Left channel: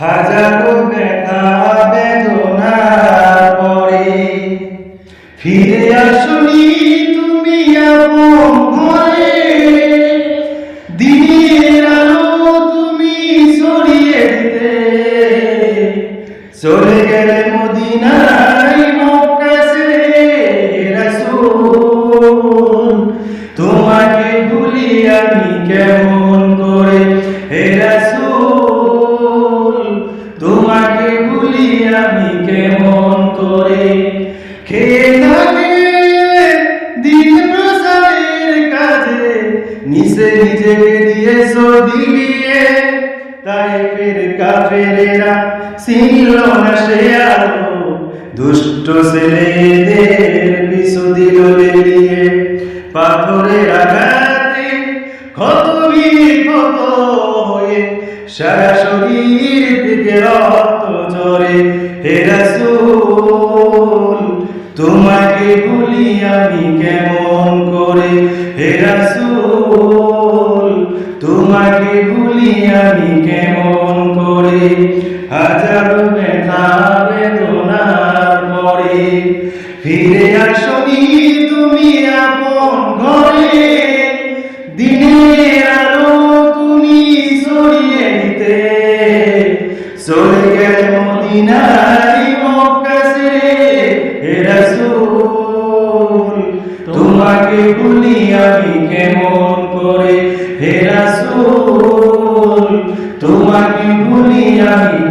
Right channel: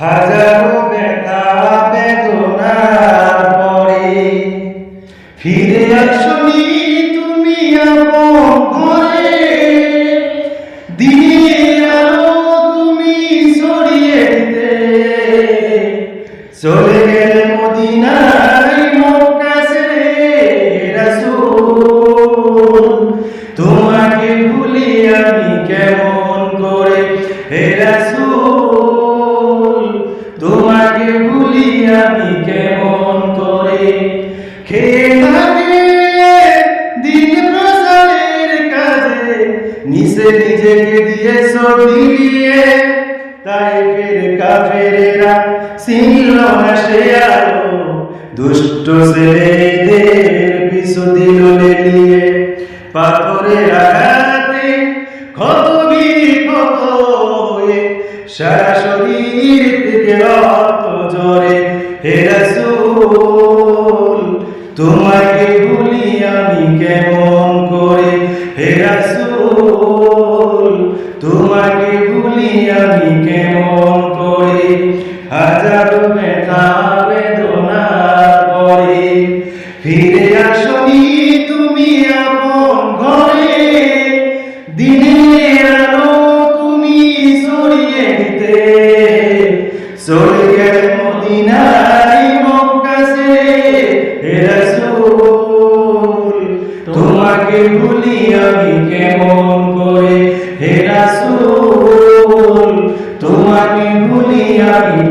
হাজারো ব্যথা বেদনার পরে। ফিরে আসনি তুমি আপন ঘরে। দিনের আলো তুমি ছড়িয়ে দিতে। চলে গেলে মদিনায় মক্কা ছেড়ে রাসূল, তোমাকে ভুলি আমি কেমন? তোমাকে ভুলি আমি কেমন করে? খেয়ে খেয়ে দিন প্রচারের কাজে। নিচে নিজেকে দিয়েছ, দিলিয়ে। তাই ফের কাফেরেরা চিনল না সে আলো। দুষ্ট ছেলেদের পিছু দিল লেলিয়ে। পাথরের আঘাতে ক্ষত বিক্ষত হয়ে সারা শরীর থেকে রক্ত ঝরে। হে রাসূল, তোমাকে ভুলি আমি কেমন করে? হে রাসূল, তোমাকে ভুলি আমি কেমন করে? হাজারো ব্যথা বেদনার পরে ফিরে আসনি চলে গেল মদিনায় মক্কা ছেড়ে। রাসূল, তোমাকে ভুলি আমি কেমন করে? হে রাসূল, তোমাকে ভুলি আমি